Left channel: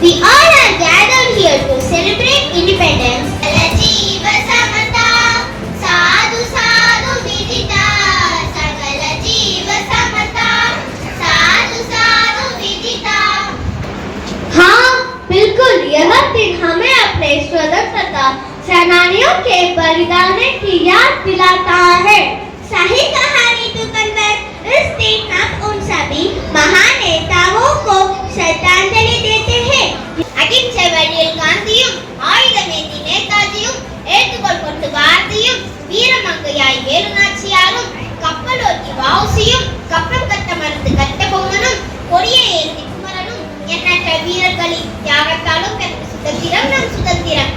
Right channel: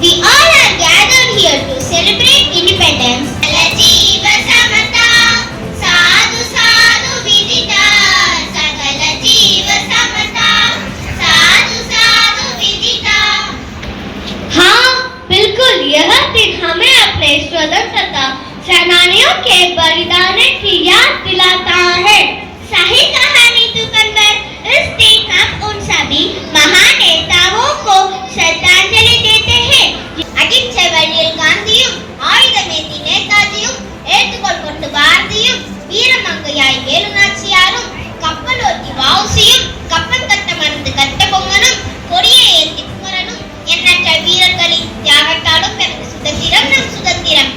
We all are gathered here to celebrate independence. Sakala Samata, Sadhu Sadhu Vidita. Sakala Samata, Sadhu Sadhu Vidita. हाँ बिल्कुल, यह दिन हमें अपने स्वतंत्रता सेनानियों के बलिदान की याद दिलाता है। सही कहानी दुकानदार, इस दिन हम उन सभी महान नेताओं को श्रद्धांजलि देते हैं। अहिंसा वழியில் காந்தியும், ஆயுதமேந்தி நேதாஜியும், ஏற்றுக்கொள் கொண்டு பாரதியும், வீரமங்கையாய் வேலுநாச்சியாரும், கப்பலோட்டி வஉசியும், கப்பல் கட்ட மறந்து கட்டபொம்மனும், கொடியை ஏந்தி குமரனும், எண்ணற்ற வீரர்களின் தியாகத்தாலும் பெற்ற சுதந்திரம் நம் சுதந்திரம்.